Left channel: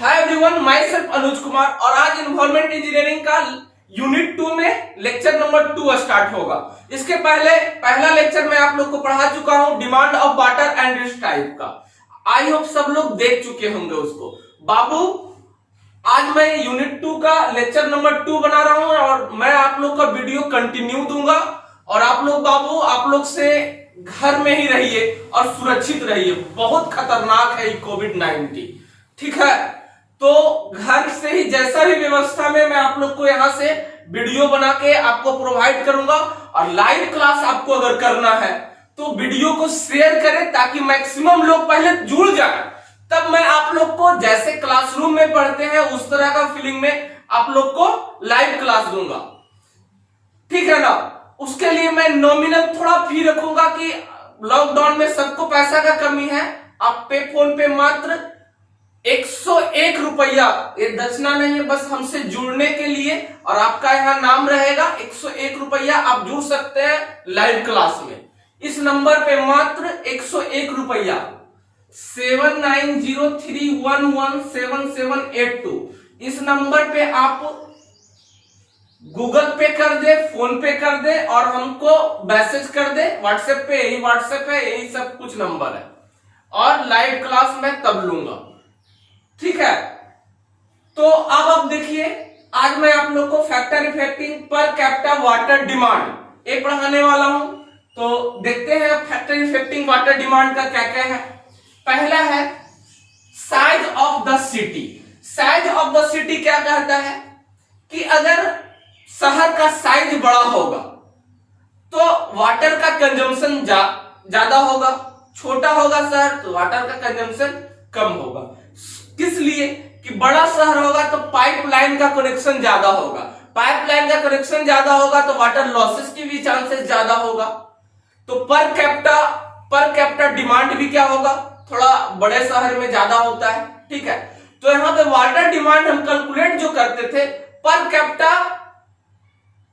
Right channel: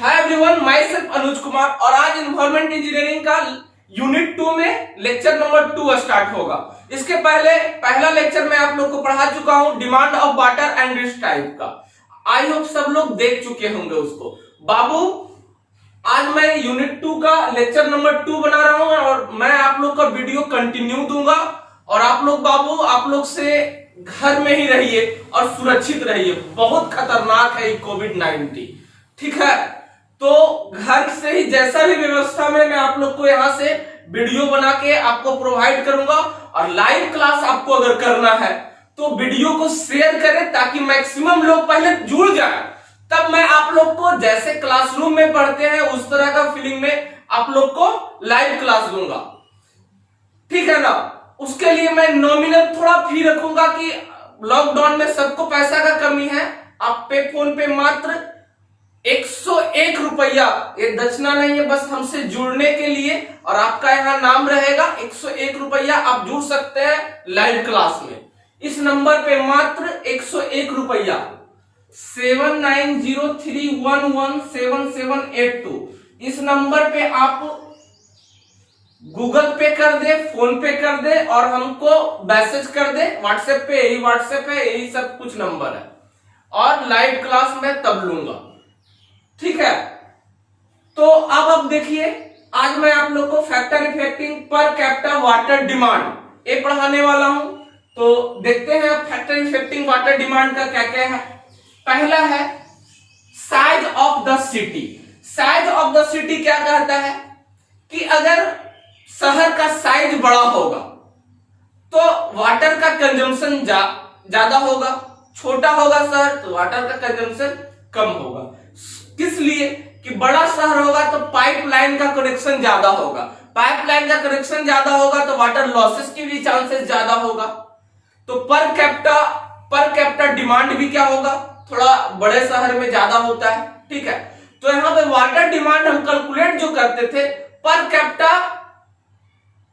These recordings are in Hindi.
Hi everyone, my self Anuj Kumar और आज इन्वायरमेंट इंजीनियरिंग का यूनिट 2 में लेक्चर नंबर 2 स्टार्ट होगा। इसके पहले पहला लेक्चर मैं आप लोग को पढ़ा चुका हूं, demand of water and rich type का। आई होप सब लोग देख चुके होंगे उसको। बाबू, आज मैं यूनिट 2 का लेक्चर नंबर 2 बना रहा हूं और मैं आप लोग का वीडियो कंटिन्यू दूंगा। और आप लोग बाबू, आप लोग से घर में ही रहिए और सुरक्षित रहिए। बहुत खतरनाक है ये कोविड-19, ठीक है। तो घर से ही जैसा भी व्यवस्था में मैं आप लोग को यहां से वीडियो बना के आपको प्रोवाइड करूंगा। और लाइव क्लास आपको अगर करना है तो वीडियो को शेयर करें ताकि मैक्सिमम लोग पहले जुड़ जाए, तब मैं आप लोग को जैसे क्लासरूम में पढ़ते हैं उस तरह का फीलिंग में आप लोग को लाइव क्लास दूंगा, ठीक है ना। उसके लिए मैं नॉमिनल थोड़ा फी रखूंगा कि लॉकडाउन में सबको पैसा का कमी है। आप पे फोन पे मात्र 101 रुपया, ये दक्षिणा नहीं है, बस हमसे जुड़ने के लिए और आपका यहाँ नाम रहेगा। 101 रुपया आप जुड़ सकते हैं लाइव क्लास में। इस नंबर पे मात्र 101 रुपया 7903117782 इस नंबर पे आप गूगल पे कर दे, फोन पे कर दे और हमको मैसेज कर दे व्हाट्सएप पे। यही व्हाट्सएप है, यही सब कुछ नंबर है और लाइव क्लास मैं तब लूंगा, ठीक है। तो अब आप देखिए, आज मैं आप लोग को factor affecting per capita water demand ये पढ़ाने वाला हूं। तो देखते हैं फैक्टर इफेक्टिंग वाटर डिमांड का क्या क्या है। पहला है size of the city. Size of the city क्या कहता है कि अगर शहर का साइज बड़ा होगा तो वाटर का कंजम्पशन ज्यादा होगा, छोटा होगा शहर तो वाटर का कंजम्पशन कम होगा। किस लिए कि बड़ा शहर होगा तो पाइपलाइन का कनेक्शन ज्यादा होगा, पाइपलाइन का कनेक्शन ज्यादा होगा तो वाटर लॉसेस की भी चांसेस ज्यादा होगा। तो पर कैपिटा डिमांड भी क्या होगा, थोड़ा बड़े शहर में ज्यादा होता है, ठीक है। तो यहां पे वाटर डिमांड हम कैलकुलेट जो करते थे, पर कैपिटा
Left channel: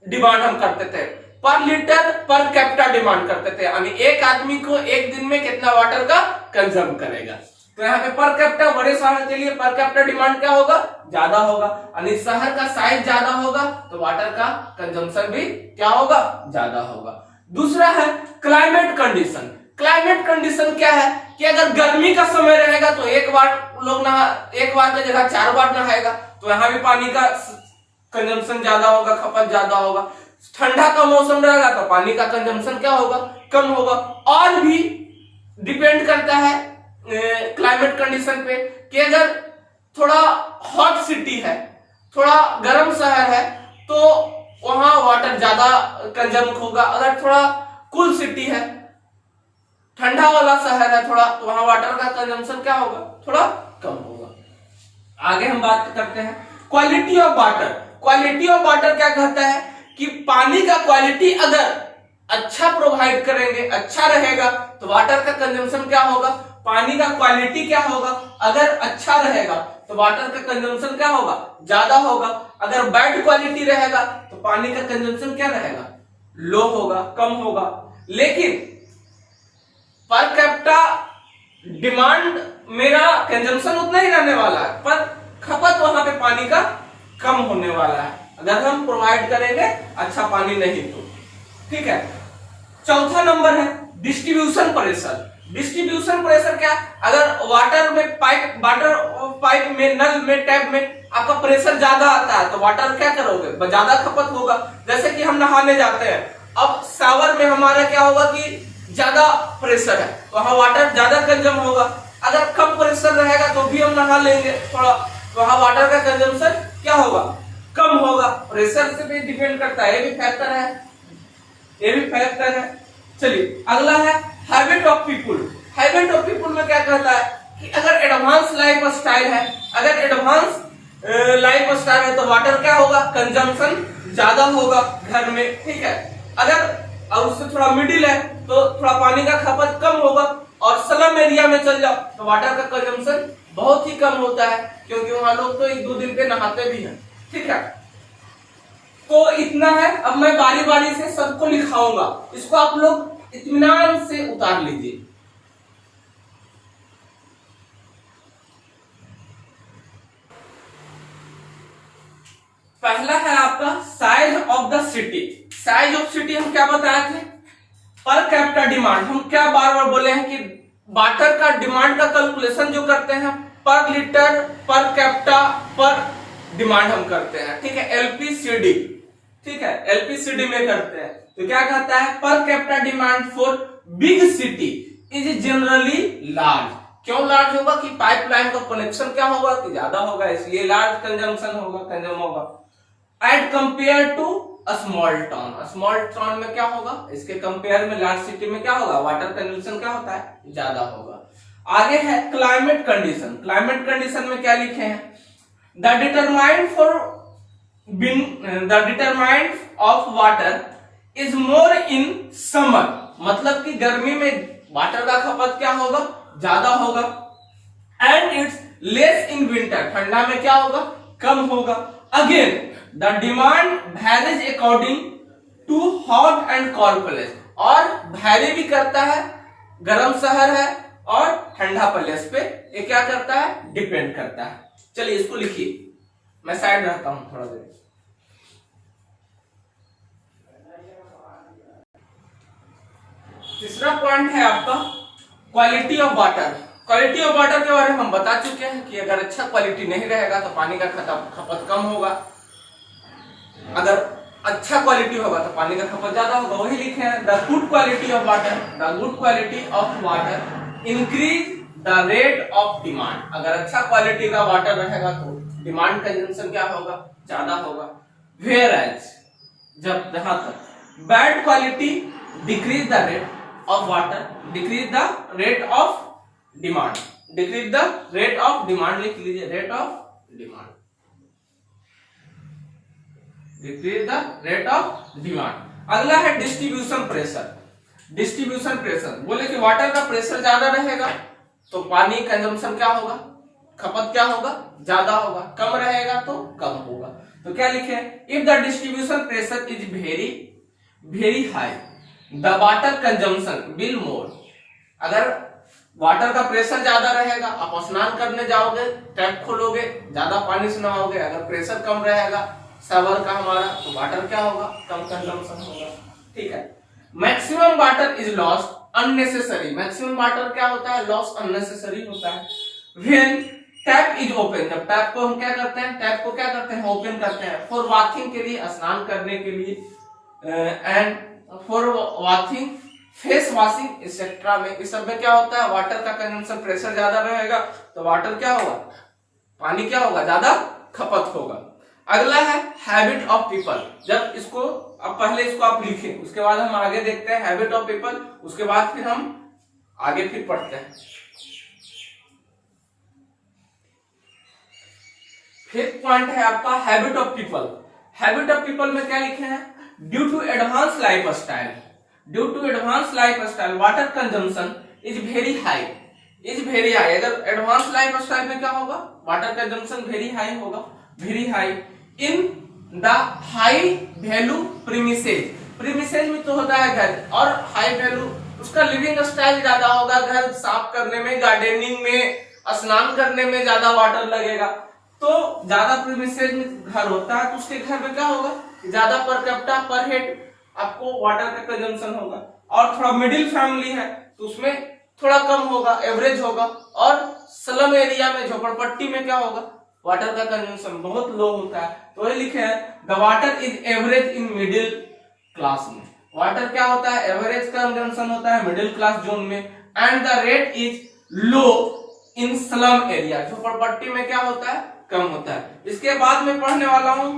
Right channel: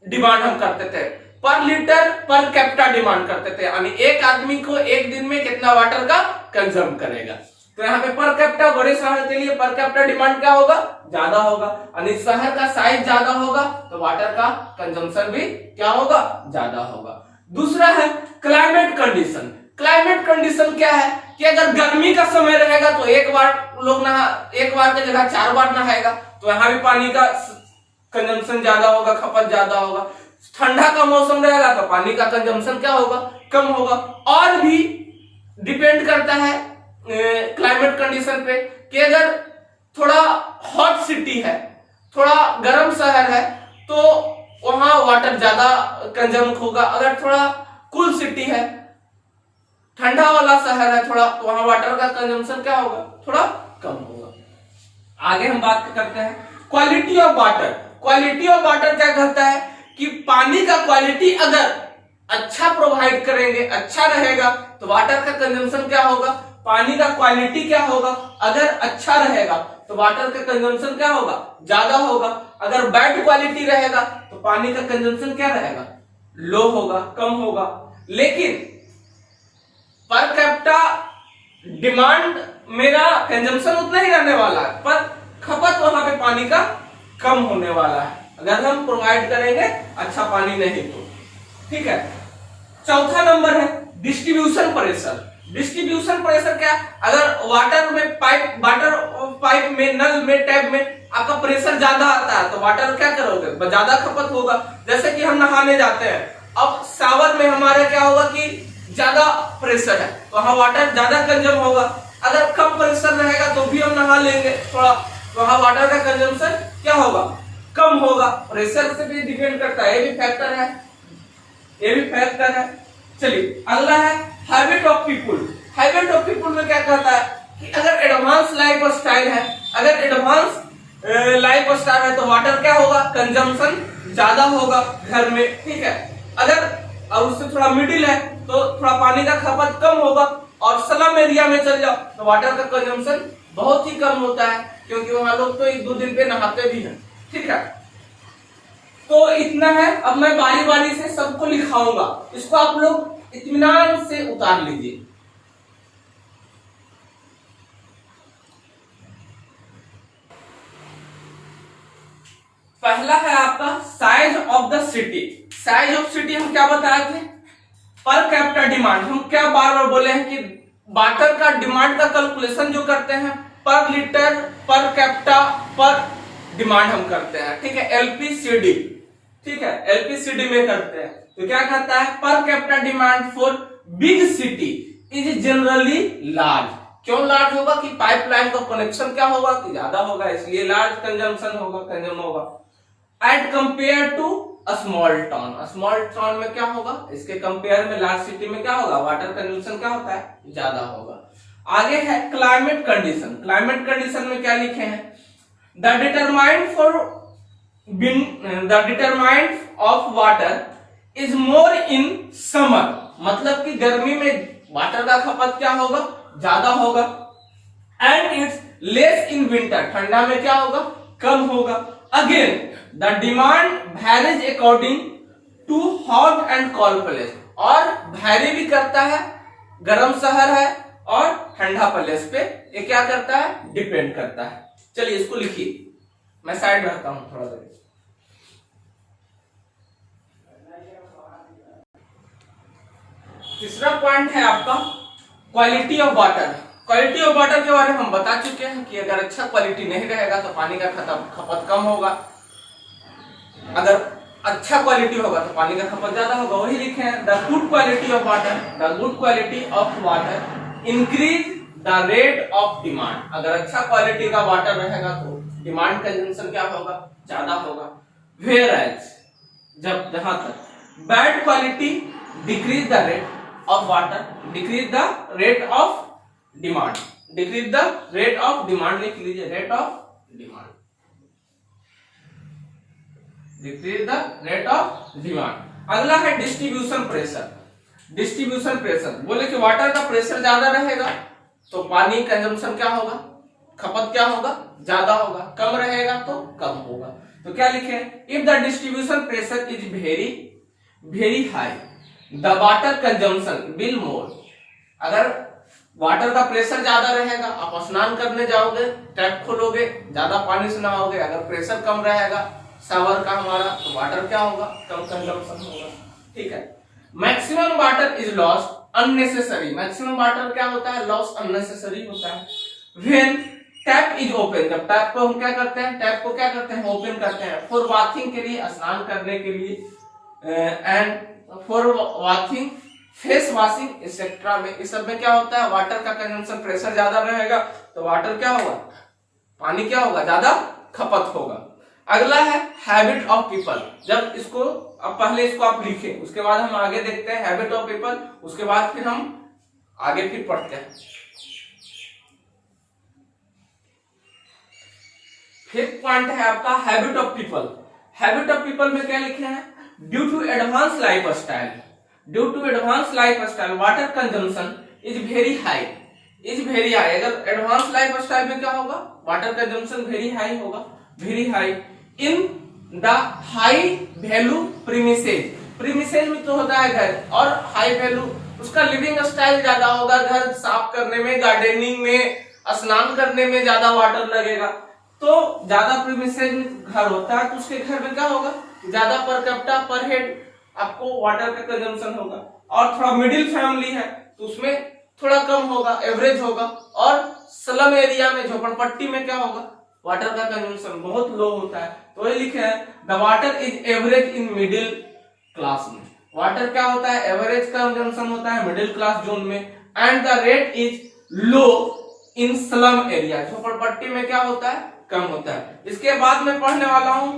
डिमांड हम करते थे, पर लीटर पर कैपिटा डिमांड करते थे, यानी एक आदमी को एक दिन में कितना वाटर का कंज्यूम करेगा। तो यहाँ पे पर कैपिटा बड़े शहर के लिए पर कैपिटा डिमांड क्या होगा, ज्यादा होगा। यानी शहर का साइज ज्यादा होगा तो वाटर का कंजम्पशन भी क्या होगा, ज्यादा होगा। दूसरा है क्लाइमेट कंडीशन। क्लाइमेट कंडीशन क्या है कि अगर गर्मी का समय रहेगा तो एक बार की जगह 4 बार नहाएगा, तो यहाँ भी पानी का कंजम्पशन ज्यादा होगा, खपत ज्यादा होगा। ठंडा का मौसम रहेगा तो पानी का कंजम्पशन क्या होगा, कम होगा। और भी डिपेंड करता है क्लाइमेट कंडीशन पे कि अगर थोड़ा हॉट सिटी है, थोड़ा गर्म शहर है तो वहां वाटर ज्यादा कंज्यूम होगा। अगर थोड़ा कूल सिटी है, ठंडा वाला शहर है थोड़ा, तो वहां वाटर का कंजम्पशन क्या होगा, थोड़ा कम होगा। आगे हम बात करते हैं quality of water. Quality of water क्या कहता है कि पानी का क्वालिटी अगर अच्छा प्रोवाइड करेंगे, अच्छा रहेगा तो वाटर का कंजम्पशन क्या होगा, पानी का क्वालिटी क्या होगा, अगर अच्छा रहेगा तो वाटर का कंजम्पशन क्या होगा, ज्यादा होगा। अगर बैड क्वालिटी रहेगा तो पानी का कंजम्पशन क्या रहेगा, लो होगा, कम होगा। लेकिन पर कैपिटा डिमांड मेरा कंजम्पशन उतना ही रहने वाला है, पर खपत वहां पे पानी का कम होने वाला है अगर हम प्रोवाइड करेंगे अच्छा पानी नहीं तो, ठीक है। चौथा नंबर है डिस्ट्रीब्यूशन प्रेशर। डिस्ट्रीब्यूशन प्रेशर क्या, अगर वाटर पाइप में, नल में, टैप में आपका प्रेशर ज्यादा आता है तो वाटर क्या करोगे, ज्यादा खपत होगा। जैसे कि हम नहाने जाते हैं, अब शावर में हमारा क्या होगा कि ज्यादा प्रेशर है तो वहां वाटर ज्यादा कंज्यूम होगा। अगर कम प्रेशर रहेगा तो भी हम नहा लेंगे थोड़ा, तो वहां वाटर का कंजम्पशन क्या होगा, कम होगा। प्रेशर से भी डिपेंड करता है, ये भी फैक्टर है, ये भी फैक्टर है। चलिए अगला है habit of people. Habit of people में क्या कहता है कि अगर एडवांस लाइफ स्टाइल है, अगर एडवांस लाइफ स्टाइल है तो वाटर क्या होगा, कंजम्पशन ज्यादा होगा घर में, ठीक है। अगर उससे थोड़ा मिडिल है तो थोड़ा पानी का खपत कम होगा। और स्लम एरिया में चल जाओ तो वाटर का कंजम्पशन बहुत ही कम होता है, क्योंकि वहां लोग तो 1-2 दिन पे नहाते भी हैं, ठीक है। तो इतना है। अब मैं बारी बारी से सबको लिखाऊंगा, इसको आप लोग इत्मीनान से उतार लीजिए। पहला है आपका size of the city. Size of city हम क्या बताए थे? पर कैपिटा डिमांड। हम क्या बार बार बोले हैं कि वाटर का डिमांड का कैलकुलेशन जो करते हैं पर लीटर पर कैपिटा पर डिमांड हम करते हैं, ठीक है, एलपीसीडी, ठीक है, एलपीसीडी में करते हैं। तो क्या कहता है? पर capita demand for big city is generally large. क्यों लार्ज होगा? कि पाइपलाइन का कनेक्शन क्या होगा कि ज्यादा होगा, इसलिए लार्ज कंजम्पशन होगा, कंज्यूम होगा। At compare to a small town. Small town में क्या होगा? इसके कंपेयर में लार्ज सिटी में क्या होगा? वाटर कंजम्पशन क्या होता है? ज्यादा होगा। आगे है क्लाइमेट कंडीशन। क्लाइमेट कंडीशन में क्या लिखे हैं? The determined of water is more in summer. मतलब कि गर्मी में वाटर का खपत क्या होगा? ज्यादा होगा। And it's less in winter. ठंडा में क्या होगा? कम होगा। Again the demand varies according to hot and cold place. और वैरी भी करता है, गर्म शहर है और ठंडा प्लेस पे ये क्या करता है? डिपेंड करता है। चलिए इसको लिखिए, मैं साइड रहता हूं थोड़ा देर। तीसरा पॉइंट है आपका quality of water. Quality of water के बारे में हम बता चुके हैं कि अगर अच्छा क्वालिटी नहीं रहेगा तो पानी का खपत कम होगा, अगर अच्छा क्वालिटी होगा तो पानी का खपत ज्यादा होगा। वही लिखे हैं the good quality of water, the good quality of water increase the rate of demand. अगर अच्छा क्वालिटी का वाटर रहेगा तो डिमांड कंजम्पशन क्या होगा? ज्यादा होगा। वेयर एज जब जहां तक bad quality decrease the rate of water, decrease the rate of demand, decrease the rate of demand, लिख लीजिए rate of demand, decrease the rate of demand. अगला है डिस्ट्रीब्यूशन प्रेशर। डिस्ट्रीब्यूशन प्रेशर बोले कि वाटर का प्रेशर ज्यादा रहेगा तो पानी कंजम्पशन क्या होगा? खपत क्या होगा? ज्यादा होगा। कम रहेगा तो कम होगा। तो क्या लिखे? If the distribution pressure is very high the water consumption will more. अगर वाटर का प्रेशर ज्यादा रहेगा, आप स्नान करने जाओगे, टैप खोलोगे, ज्यादा पानी से नहाओगे। अगर प्रेशर कम रहेगा शावर का हमारा तो वाटर क्या होगा? कम कंजम्पशन होगा, ठीक है। Maximum water is lost unnecessary. Maximum water क्या होता है? लॉस अननेसेसरी होता है। When tap is open. जब टैप को हम क्या करते हैं? टैप को क्या करते हैं? ओपन करते हैं। फॉर वॉशिंग के लिए, स्नान करने के लिए, and for washing, face washing etcetera में, इस सब में क्या होता है? वाटर का कंजम्पशन प्रेशर ज्यादा रहेगा तो वाटर क्या होगा? पानी क्या होगा? ज्यादा खपत होगा। अगला है हैबिट ऑफ पीपल। जब इसको अब पहले इसको आप लिखें, उसके बाद हम आगे देखते हैं हैबिट ऑफ पीपल, उसके बाद फिर हम आगे फिर पढ़ते हैं। फिफ्थ पॉइंट है आपका habit of people. Habit of people में क्या लिखे हैं? Due to advance life style, due to advance life style water consumption is very high, is very high. अगर एडवांस लाइफ स्टाइल में क्या होगा? वाटर कंजम्पशन वेरी हाई होगा, very high. In the high value premises. Premises में तो होता है घर, और हाई वैल्यू उसका लिविंग स्टाइल ज्यादा होगा। घर साफ करने में, गार्डनिंग में, स्नान करने में ज्यादा वाटर लगेगा। तो ज्यादा प्रीमिसेज में घर होता है तो उसके घर में क्या होगा? ज्यादा पर कैपिटा पर हेड आपको वाटर का कंजम्पशन होगा। और थोड़ा मिडिल फैमिली है तो उसमें थोड़ा कम होगा, एवरेज होगा। और स्लम एरिया में, झोपड़पट्टी में क्या होगा? वाटर का कंजम्पशन बहुत लो होता है। तो वही लिखे हैं the water is average in middle class में। वाटर क्या होता है? एवरेज कंजम्पशन होता है मिडिल क्लास जोन में। And the rate is low in slum area. झोपड़पट्टी में क्या होता है? कम होता है। इसके बाद मैं पढ़ने वाला हूं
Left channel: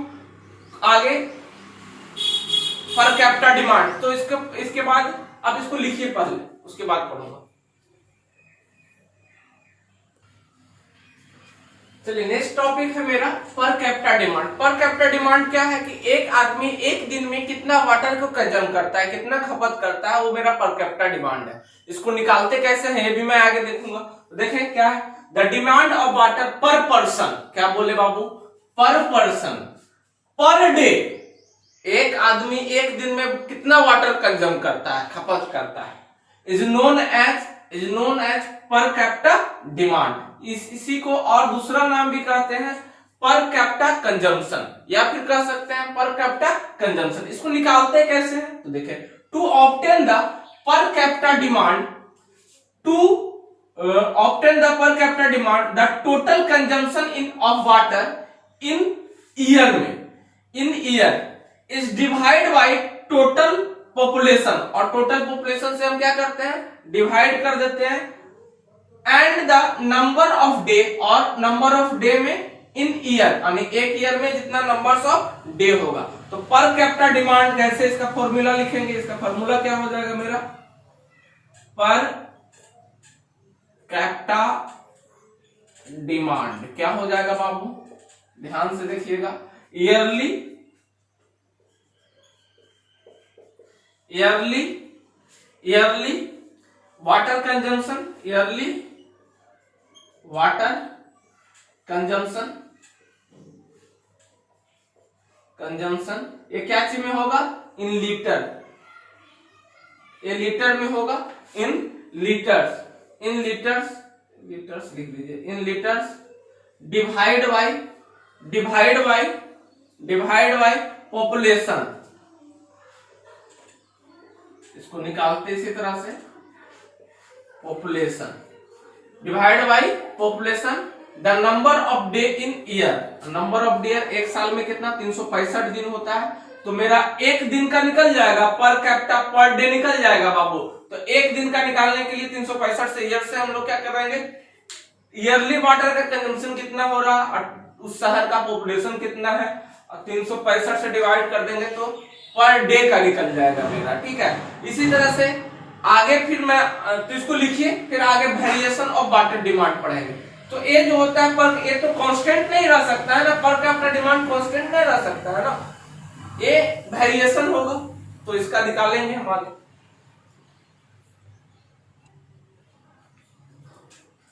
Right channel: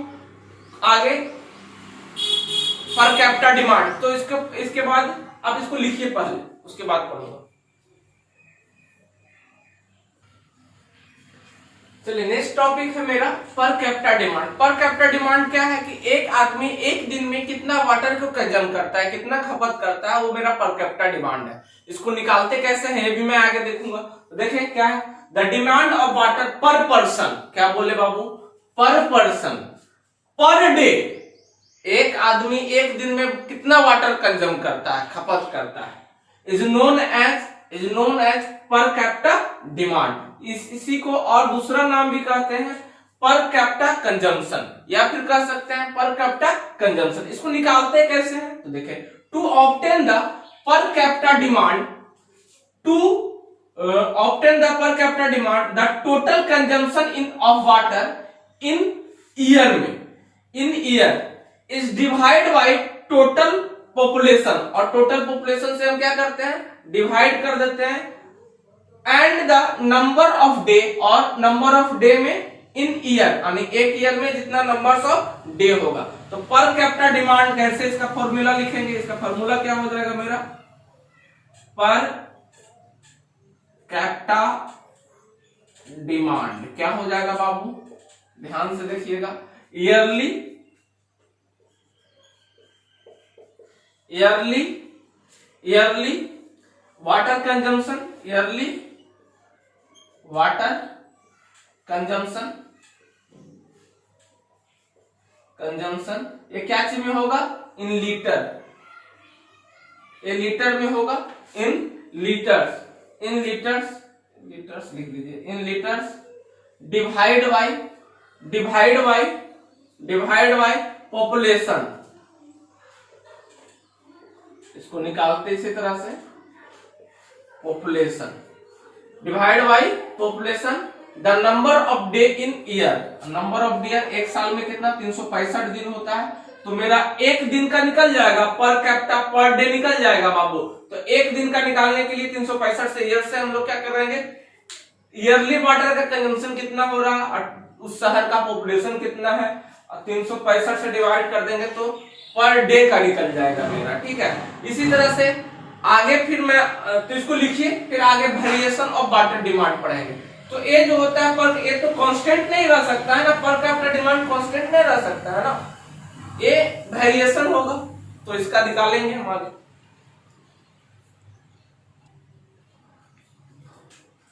आगे पर कैपिटा डिमांड। तो इसके बाद आप इसको लिखिए पहले, उसके बाद पढ़ूंगा। चलिए नेक्स्ट टॉपिक है मेरा पर कैपिटा डिमांड। पर कैपिटा डिमांड क्या है? कि एक आदमी एक दिन में कितना वाटर को कंज्यूम करता है, कितना खपत करता है, वो मेरा पर कैपिटा डिमांड है। इसको निकालते कैसे हैं ये भी मैं आगे देखूंगा। तो देखें क्या है? द डिमांड ऑफ वाटर पर पर्सन। क्या बोले बाबू? पर पर्सन, पर डे। एक आदमी एक दिन में कितना वाटर कंज्यूम करता है, खपत करता है, is known as per capita demand. इसी को और दूसरा नाम भी कहते हैं पर कैपिटा कंजम्पशन, या फिर कह सकते हैं पर कैपिटा कंजम्पशन। इसको निकालते कैसे हैं तो देखें, to obtain the per capita demand, to obtain the per capita demand the total consumption in of water in year में, in year is divide by total population, और टोटल पॉपुलेशन से हम क्या करते हैं डिवाइड कर देते हैं, and the number of day, और नंबर ऑफ डे में इन ईयर, यानी एक ईयर में जितना नंबर्स ऑफ डे होगा। तो पर कैपिटा डिमांड कैसे, इसका फॉर्मूला लिखेंगे, इसका फॉर्मूला क्या हो जाएगा मेरा, पर कैपिटा डिमांड क्या हो जाएगा बाबू, ध्यान से देखिएगा, yearly water consumption, yearly water consumption ये क्या चीज में होगा, इन लीटर, ये लीटर में होगा, इन लीटर्स लिख लीजिए, इन लीटर्स डिवाइड बाय पॉपुलेशन। इसको निकालते इसी तरह से, population divide by population the number of day in year, number of day, एक साल में कितना 365 दिन होता है, तो मेरा एक दिन का निकल जाएगा, पर कैपिटा पर डे निकल जाएगा बाबू। तो एक दिन का निकालने के लिए 365 से ईयर से हम लोग क्या करेंगे, ईयरली वाटर का कंजम्पशन कितना हो रहा है और उस शहर का पॉपुलेशन कितना है, 365 से डिवाइड कर देंगे तो पर डे का निकल जाएगा मेरा, ठीक है। इसी तरह से आगे फिर मैं, तो इसको लिखिए, फिर आगे वेरिएशन ऑफ वाटर डिमांड पढ़ेंगे। तो ये जो होता है, पर ये तो कांस्टेंट नहीं रह सकता है ना, पर कैपिटा डिमांड कांस्टेंट नहीं रह सकता है ना, ये वेरिएशन होगा, तो इसका निकालेंगे हम आगे।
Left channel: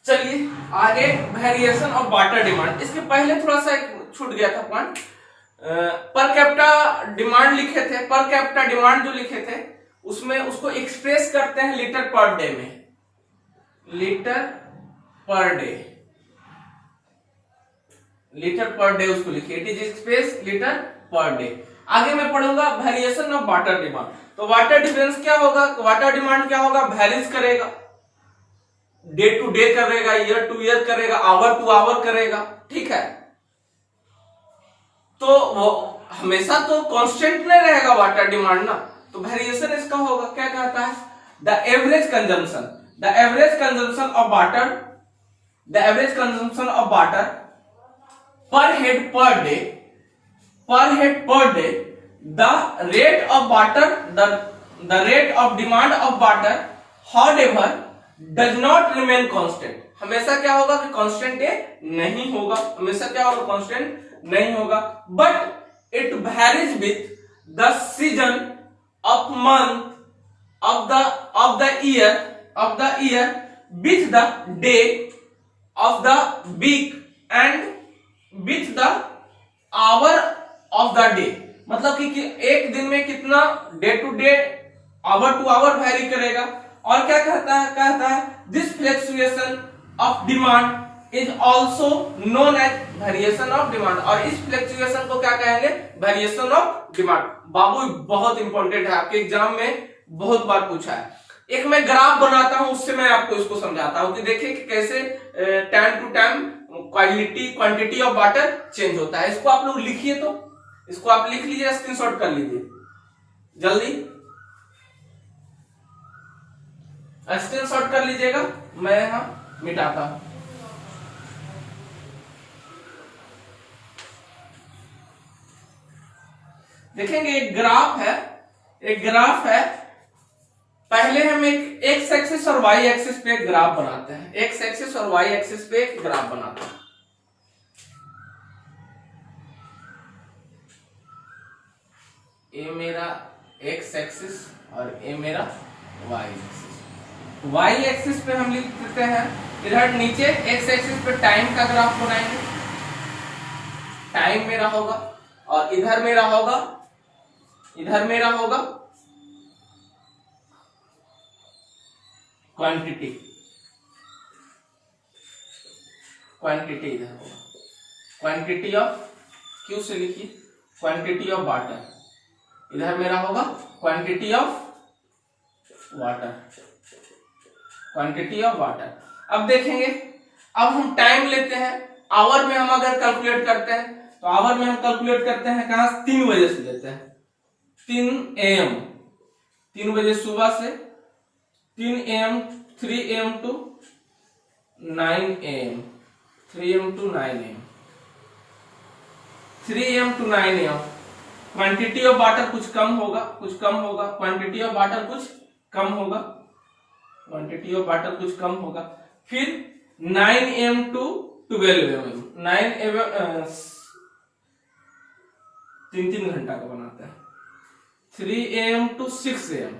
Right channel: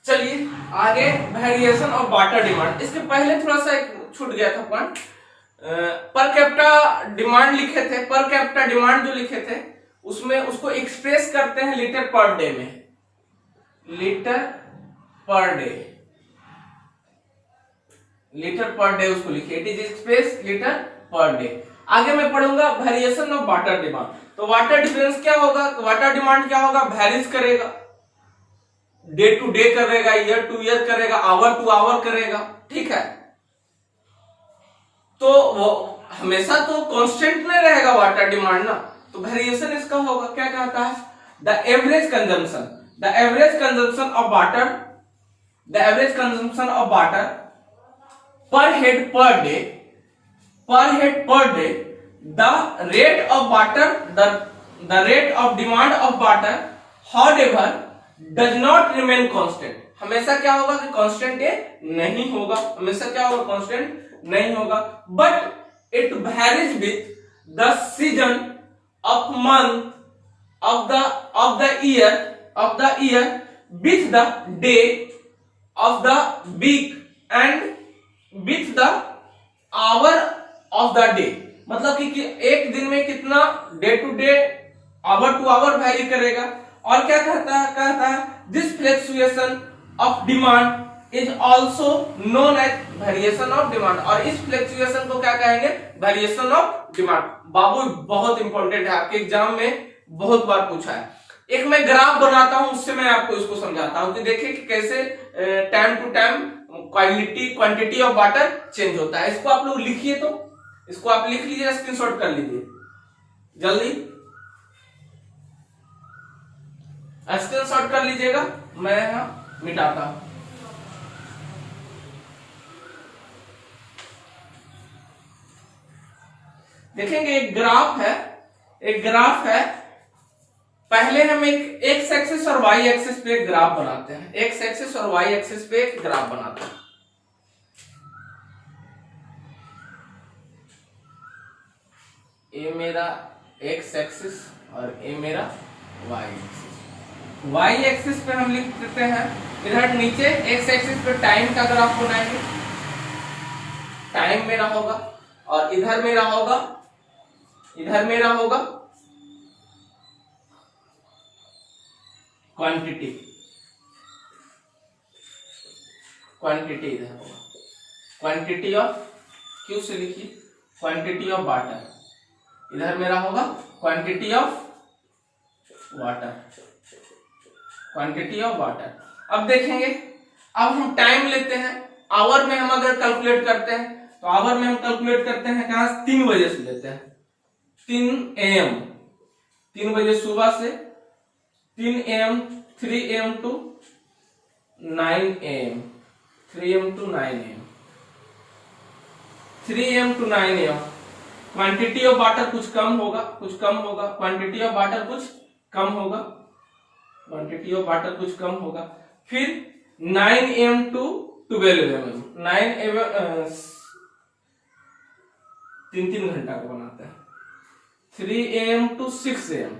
चलिए आगे, वेरिएशन ऑफ वाटर डिमांड। इसके पहले थोड़ा सा एक छूट गया था पॉइंट, पर कैपिटा डिमांड लिखे थे, पर कैपिटा डिमांड जो लिखे थे उसमें उसको एक्सप्रेस करते हैं लीटर पर डे में, लीटर पर डे उसको लिखिए, it is express litre per day. आगे मैं पढ़ूंगा वेरिएशन ऑफ वाटर डिमांड। तो वाटर डिफरेंस क्या होगा, वाटर डिमांड क्या होगा, वेरीज करेगा, डे टू डे करेगा, ईयर टू ईयर करेगा, आवर टू आवर करेगा, ठीक है। तो वो हमेशा तो कांस्टेंट नहीं रहेगा वाटर डिमांड ना, तो वेरिएशन इसका होगा, क्या कहता है, the average consumption of water per head per day, the rate of demand of water however does not remain constant. हमेशा क्या होगा कि कांस्टेंट ये नहीं होगा, हमेशा क्या होगा, कांस्टेंट नहीं होगा, but it varies with the season of month of the year with the day of the week and with the hour of the day. मतलब कि एक दिन में कितना day to day, hour to hour vary करेगा। और क्या कहता है this fluctuation of demand is also known as variation of demand, और इस फ्लक्चुएशन को क्या कहेंगे, वेरिएशन ऑफ डिमांड। बाबू बहुत इंपॉर्टेंट है, आपके एग्जाम में बहुत बार पूछा है। एक मैं ग्राफ बनाता हूं, उससे मैं आपको इसको समझाता हूं कि देखिए कि कैसे time to time quantity of water change होता है। इसको आप लोग लिखिए, तो इसको आप लिख लीजिए, स्क्रीनशॉट कर लीजिए जल्दी, स्क्रीनशॉट कर लीजिएगा, मैं यहां मिटाता हूं। देखेंगे एक ग्राफ है, पहले हम एक एक्स एक्सिस और वाई एक्सिस पे एक ग्राफ बनाते हैं, एक्स एक्सिस और वाई एक्सिस पे एक ग्राफ बनाते हैं। ये मेरा एक्स एक्सिस और ये मेरा वाई एक्सिस। वाई एक्सिस पे हम लिख देते हैं, इधर नीचे एक्स एक्सिस पे टाइम का ग्राफ बनाएंगे, टाइम मेरा होगा, और इधर मेरा होगा क्वांटिटी इधर होगा। क्वांटिटी ऑफ, क्यू से लिखिए क्वांटिटी ऑफ वाटर, इधर मेरा होगा quantity of water, quantity of water. अब देखेंगे, अब हम टाइम लेते हैं, आवर में हम अगर कैलकुलेट करते हैं तो आवर में हम कैलकुलेट करते हैं कहां से, 3 बजे से लेते हैं, 3 AM, 3 बजे सुबह से 3 AM, 3 AM to 9 AM, 3 AM to 9 AM, 3 AM to 9 AM। Quantity of water कुछ कम होगा, कुछ कम होगा, क्वांटिटी ऑफ वाटर कुछ कम होगा, क्वांटिटी ऑफ वाटर कुछ कम होगा। फिर 9 AM टू 12 AM, 9 AM 3 घंटा का बनाते हैं। 3 AM to 6 AM,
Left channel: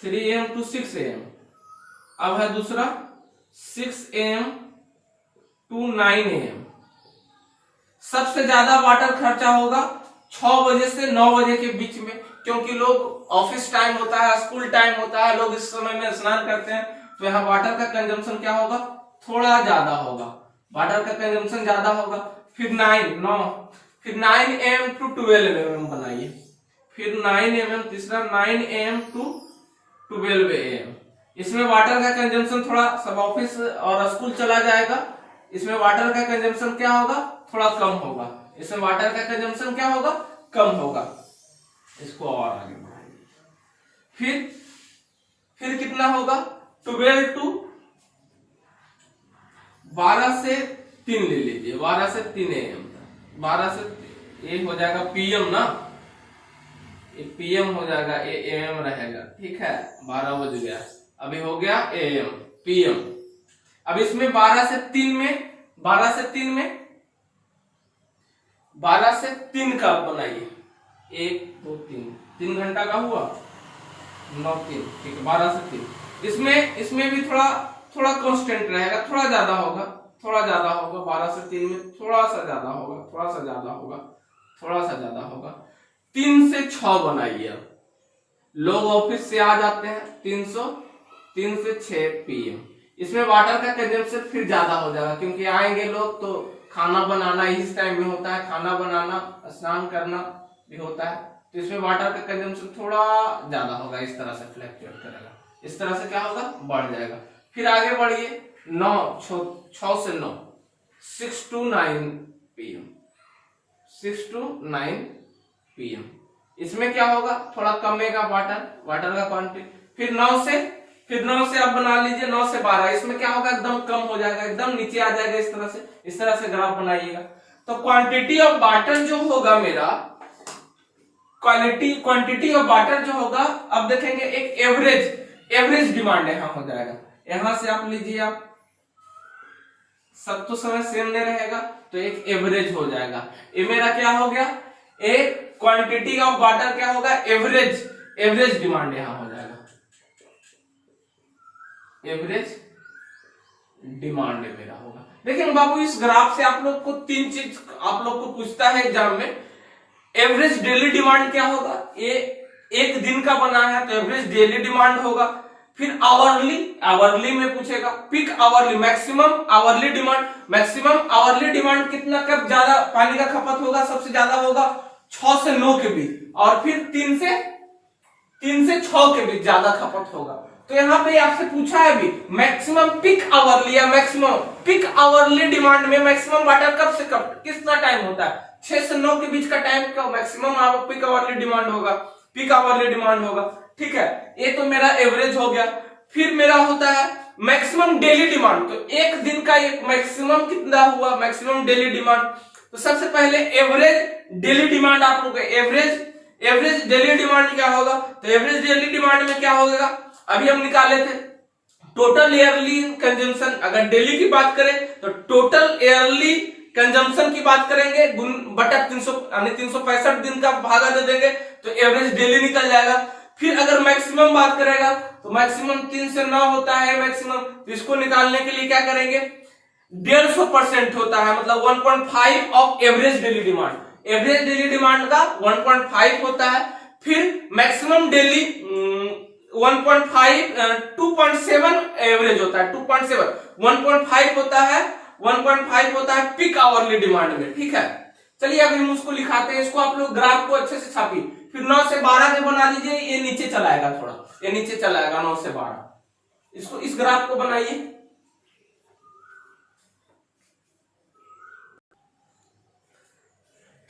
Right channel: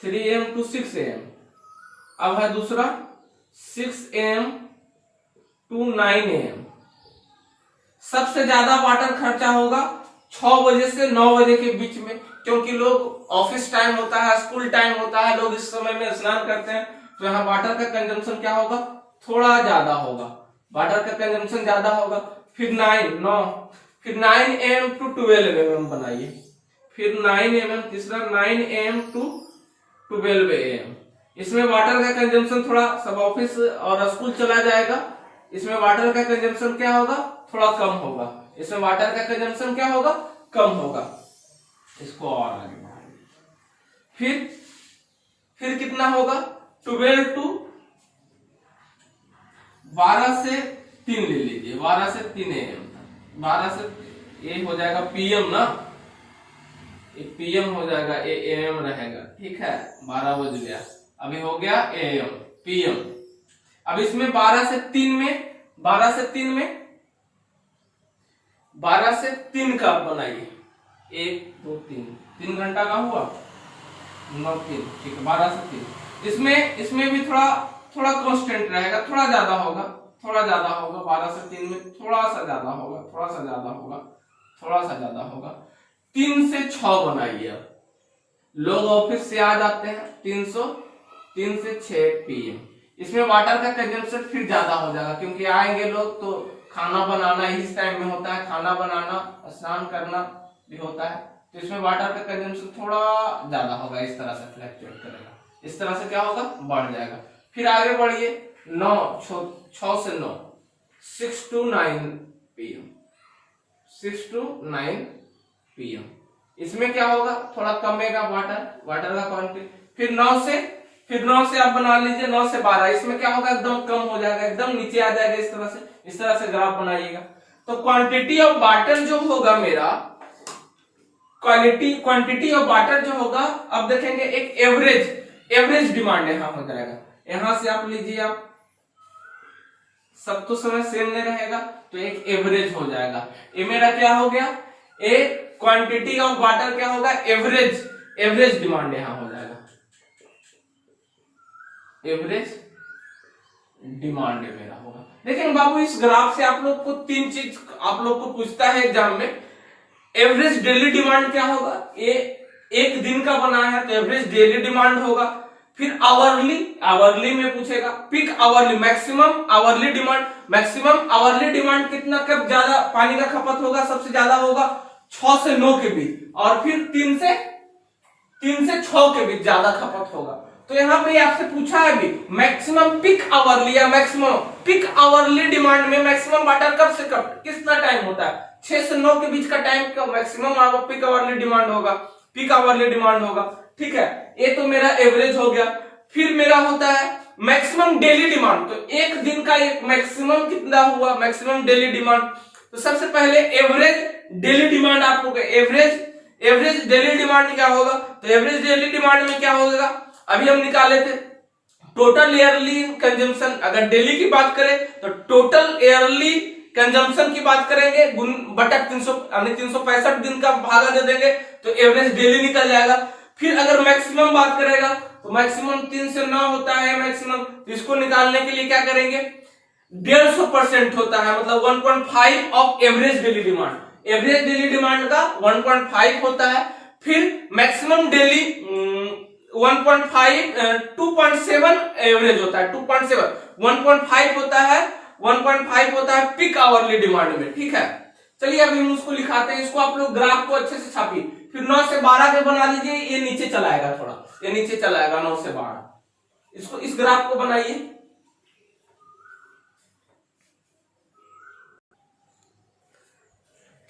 3 AM to 6 AM। अब है दूसरा 6 AM टू 9 AM। सबसे ज्यादा वाटर खर्चा होगा 6 बजे से 9 बजे के बीच में, क्योंकि लोग ऑफिस टाइम होता है, स्कूल टाइम होता है, लोग इस समय में स्नान करते हैं, तो यहाँ वाटर का कंजम्पशन क्या होगा, थोड़ा ज्यादा होगा, वाटर का कंजम्पशन ज्यादा होगा। फिर 9 AM टू 12 AM बनाइए, फिर 9 AM, तीसरा 9 AM टू 12 AM। इसमें वाटर का कंजम्पशन थोड़ा, सब ऑफिस और स्कूल चला जाएगा, इसमें वाटर का कंजम्पशन क्या होगा, थोड़ा कम होगा, इसमें वाटर का कंजम्पशन क्या होगा, कम होगा। इसको और आगे बढ़ाइए, फिर कितना होगा, 12 टू 12 से 3 ले लीजिए, 12 से 3 AM, 12 से ये हो जाएगा PM ना, ये PM हो जाएगा, ये AM रहेगा, ठीक है, 12 बज गया, अभी हो गया AM PM। अब इसमें 12 से 3 में 12 से 3 में 12 से 3 का बनाइए, 1 2 3 घंटा का हुआ, 9 3, ठीक है, 12 से 3। इसमें भी थोड़ा कांस्टेंट रहेगा, थोड़ा ज्यादा होगा, 12 से 3 में थोड़ा सा ज्यादा होगा, थोड़ा सा ज्यादा होगा। 3 से 6 बनाइए। अब लोग ऑफिस से आ जाते हैं 3 से 6 PM। इसमें वाटर का कंजम्पशन फिर ज्यादा हो जाएगा, क्योंकि आएंगे लोग तो खाना बनाना इस टाइम में होता है, खाना बनाना, स्नान करना भी होता है, तो इसमें वाटर का कंजम्पशन थोड़ा ज्यादा होगा, इस तरह से फ्लक्चुएट करेगा, इस तरह से क्या होगा, बढ़ जाएगा। फिर आगे बढ़िए, 6 से 9, 6 टू 9 PM, 6 टू 9 PM। इसमें क्या होगा, थोड़ा कमेगा वाटर का क्वांटिटी। फिर 9 से आप बना लीजिए 9 से 12, इसमें क्या होगा, एकदम कम हो जाएगा, एकदम नीचे आ जाएगा, इस तरह से ग्राफ बनाइएगा। तो क्वांटिटी ऑफ वाटर जो होगा मेरा, क्वांटिटी ऑफ वाटर जो होगा, अब देखेंगे एक एवरेज डिमांड यहाँ हो जाएगा। यहां से आप लीजिए, आप सब तो समय सेम नहीं रहेगा, तो एक एवरेज हो जाएगा। ये मेरा क्या हो गया, एक क्वांटिटी ऑफ वाटर क्या होगा, एवरेज डिमांड यहां हो जाएगा, एवरेज डिमांड मेरा होगा। लेकिन बाबू इस ग्राफ से आप लोग को 3 चीज आप लोग को पूछता है एग्जाम में, एवरेज डेली डिमांड क्या होगा, ये एक दिन का बना है तो एवरेज डेली डिमांड होगा। फिर आवरली में पूछेगा, peak hourly, maximum hourly demand कितना, कब ज्यादा पानी का खपत होगा, सबसे ज्यादा होगा 6 से 9 के बीच, और फिर 3 से 6 के बीच ज्यादा खपत होगा। तो यहाँ पे आपसे पूछा है भी, मैक्सिमम पीक आवरली या मैक्सिमम पीक आवरली डिमांड में मैक्सिमम वाटर कब से कब कितना टाइम होता है, 6 से 9 के बीच का टाइम का मैक्सिमम पीक आवरली डिमांड होगा, ठीक है। ये तो मेरा एवरेज हो गया। फिर मेरा होता है मैक्सिमम डेली डिमांड, तो एक दिन का मैक्सिमम कितना हुआ, मैक्सिमम डेली डिमांड। तो सबसे पहले एवरेज डेली डिमांड आप लोग, एवरेज डेली डिमांड क्या होगा, तो एवरेज डेली डिमांड में क्या होगा, अभी हम निकाले थे टोटल ईयरली कंजम्पशन। अगर डेली की बात करें तो टोटल ईयरली कंजम्पशन की बात करेंगे, बटा 300 यानी 365 दिन का भागा दे देंगे तो एवरेज डेली निकल जाएगा। फिर अगर मैक्सिमम बात करेगा तो मैक्सिमम 3 से 9 होता है मैक्सिमम, तो इसको निकालने के लिए क्या करेंगे, 150% होता है, मतलब 1.5 of average daily demand. Average daily demand का 1.5 होता है। फिर मैक्सिमम डेली 1.5 2.7 एवरेज होता है, 2.7 1.5 होता है 1.5 होता है पीक आवरली डिमांड में, ठीक है। चलिए अभी हम उसको लिखाते हैं, इसको आप लोग ग्राफ को अच्छे से छापिए, फिर 9 से 12 के बना लीजिए, ये नीचे चला आएगा, थोड़ा ये नीचे चला आएगा 9 से 12, इसको इस ग्राफ को बनाइए।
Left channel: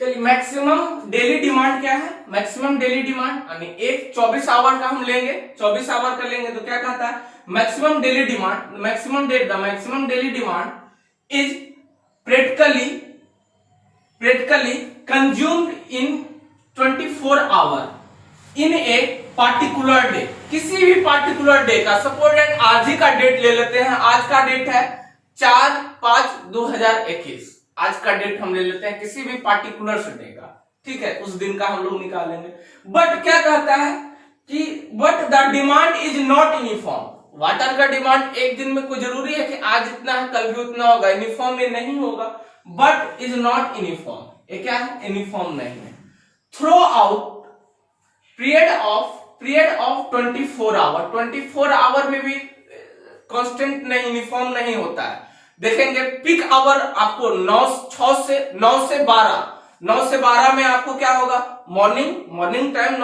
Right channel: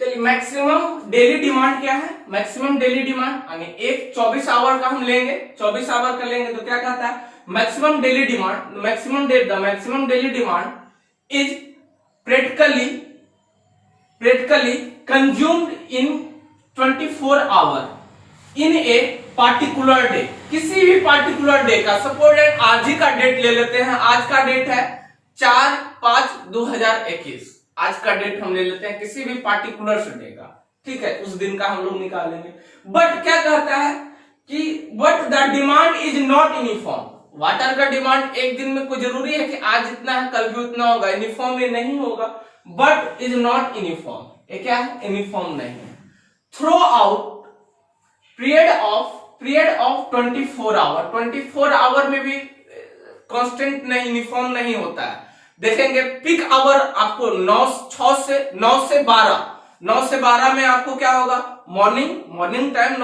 चलिए मैक्सिमम डेली डिमांड क्या है, मैक्सिमम डेली डिमांड यानी एक 24 आवर का हम लेंगे, 24 आवर का लेंगे तो क्या कहता है, maximum daily demand, maximum daily demand is practically consumed in 24 hour in a particular day, किसी भी पार्टिकुलर डे का, सपोज आज ही का डेट ले लेते हैं, आज का डेट है 4/5/2021, आज का डेट हम ले लेते हैं किसी भी पार्टिकुलर डे का, ठीक है, उस दिन का हम लोग निकालेंगे। बट क्या कहता है कि but the demand is not uniform, water का डिमांड एक दिन में कोई जरूरी है कि आज इतना है कल भी उतना होगा, यूनिफॉर्म में नहीं होगा, बट इज नॉट यूनिफॉर्म, ये क्या है, यूनिफॉर्म नहीं है। Throughout period of 24 hour, 24 hour में भी कांस्टेंट नहीं, यूनिफॉर्म नहीं होता है। देखेंगे पीक आवर आपको 9 से 12 में आपको क्या होगा, मॉर्निंग टाइम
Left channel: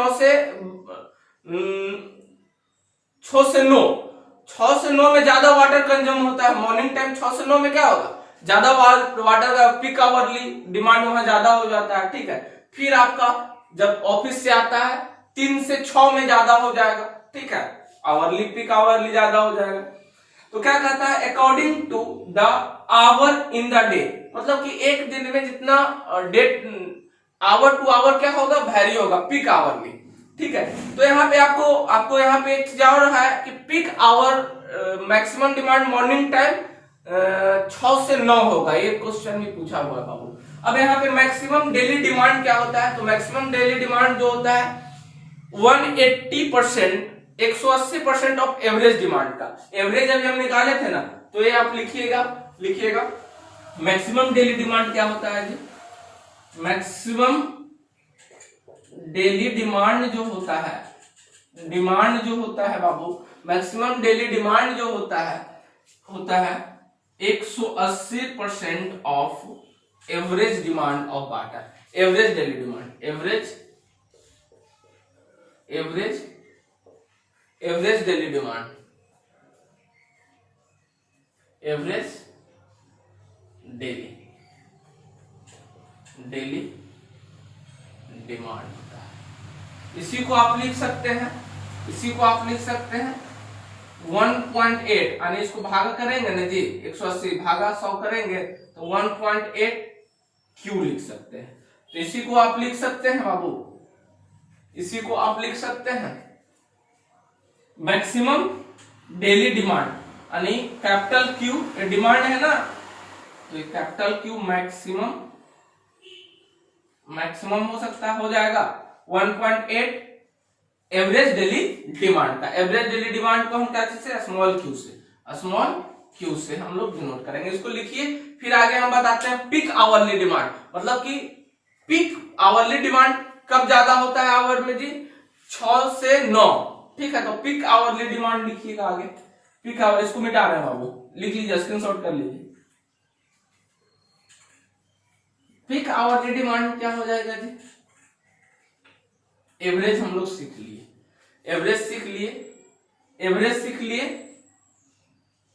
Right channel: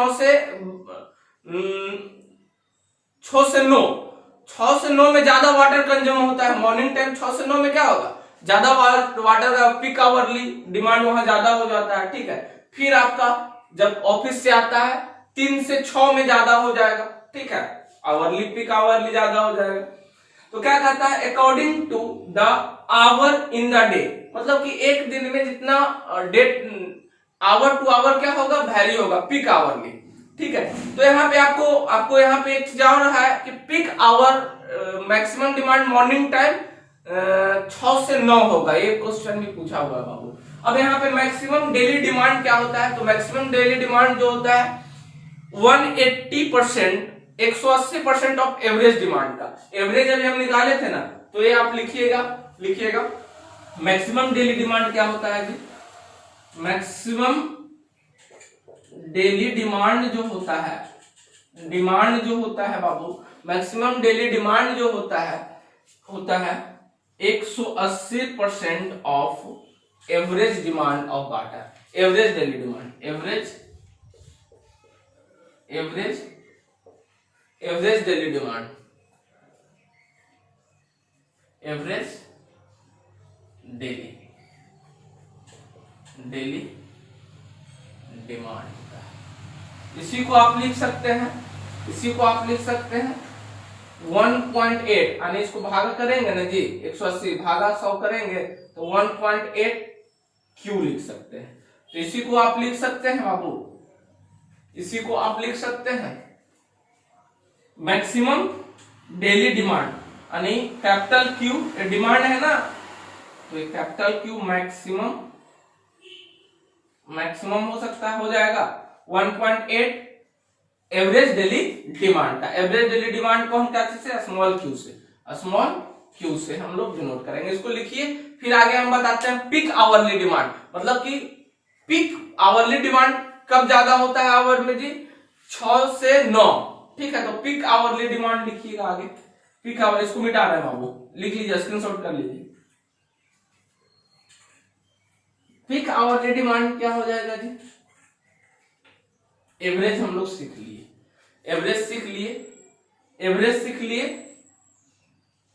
6 से 9 में ज्यादा वाटर कंज्यूम होता है, मॉर्निंग टाइम 6 से 9 में क्या होगा, ज्यादा वाटर का पीक आवरली डिमांड वहां ज्यादा हो जाता है, ठीक है। फिर आपका जब ऑफिस से आता है 3 से 6 में ज्यादा हो जाएगा, ठीक है, आवरली पीक आवरली ज्यादा हो जाएगा। तो क्या कहता है, according to the hour in the day, मतलब कि एक दिन में जितना डेट आवर टू आवर क्या होगा, वैरी होगा, पीक आवरली, ठीक है। तो यहाँ पे आपको यहाँ पे एक चीज और है कि peak hour maximum demand morning time 6 से 9 होगा, ये क्वेश्चन भी पूछा हुआ है बाबू। अब यहाँ पे मैक्सिमम डेली डिमांड क्या होता है, तो मैक्सिमम डेली डिमांड जो होता है 180%, 180% ऑफ एवरेज डिमांड का, एवरेज अभी हम निकाले थे ना, तो ये आप लिखिएगा मैक्सिमम डेली डिमांड क्या होता है जी, मैक्सिमम डेली डिमांड जो होता है बाबू, मैक्सिमम डेली डिमांड जो होता है 180% of average demand of water, average daily demand, average daily demand, average daily demand होता है। इसी को आप लिख सकते हैं 1.8, यानी इसको भागा करेंगे ना जी, 180 भागा 100 करेंगे तो 1.8 क्यू लिख सकते हैं। तो इसी को आप लिख सकते हैं बाबू, इसी को आप लिख सकते हैं मैक्सिमम डेली डिमांड, यानी कैपिटल क्यू डिमांड है ना, तो ये कैपिटल क्यू मैक्सिमम हो सकता है, हो जाएगा 1.8 एवरेज डेली डिमांड का। एवरेज डेली डिमांड को हम क्या चीज से, स्मॉल क्यू से हम लोग डिनोट करेंगे, इसको लिखिए। फिर आगे हम बताते हैं पीक आवरली डिमांड, मतलब कि पीक आवरली डिमांड कब ज्यादा होता है आवर में जी, 6 से 9, ठीक है। तो पीक आवरली डिमांड लिखिएगा आगे, पीक आवर, इसको मिटा रहे हैं बाबू, लिख लीजिए, स्क्रीनशॉट कर लीजिए। पीक आवरली डिमांड क्या हो जाएगा जी, एवरेज हम लोग सीख लिए,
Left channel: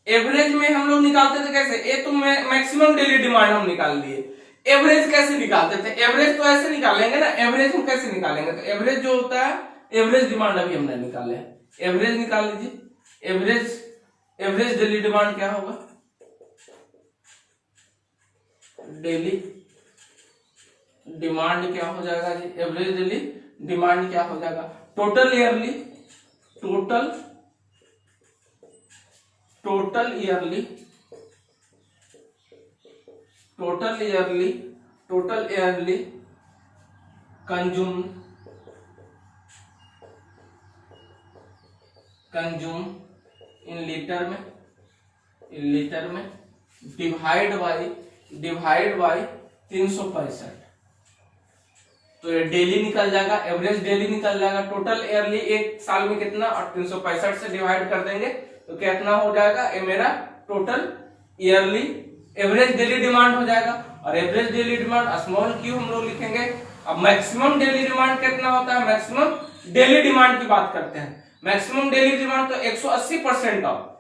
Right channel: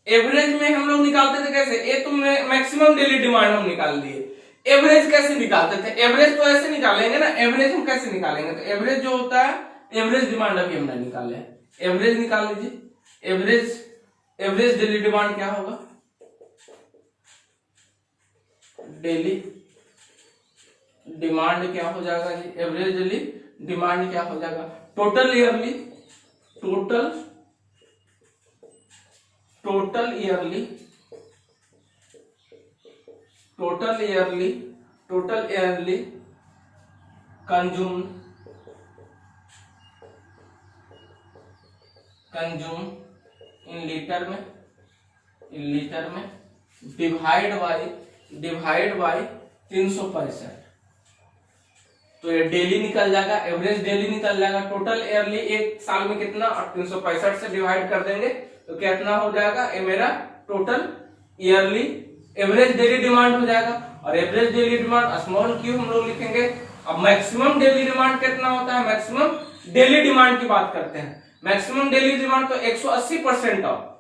एवरेज में हम लोग निकालते थे कैसे, ये तो मैक्सिमम डेली डिमांड हम निकाल लिए, एवरेज कैसे निकालते थे, एवरेज तो ऐसे निकालेंगे ना, एवरेज हम कैसे निकालेंगे, तो एवरेज जो होता है, एवरेज डिमांड अभी हमने निकाले हैं, एवरेज निकाल लीजिए। एवरेज डेली डिमांड क्या होगा, डेली डिमांड क्या हो जाएगा जी, एवरेज डेली डिमांड क्या हो जाएगा, total yearly consume in litre में डिवाइड बाई 365, तो ये डेली निकल जाएगा, एवरेज डेली निकल जाएगा, टोटल ईयरली एक साल में कितना, और 365 से डिवाइड कर देंगे तो कितना हो जाएगा, ये मेरा total yearly average daily demand हो जाएगा। और average daily demand small Q हम लोग लिखेंगे। अब मैक्सिमम डेली डिमांड कितना होता है, मैक्सिमम डेली डिमांड की बात करते हैं। मैक्सिमम डेली डिमांड तो 180% ऑफ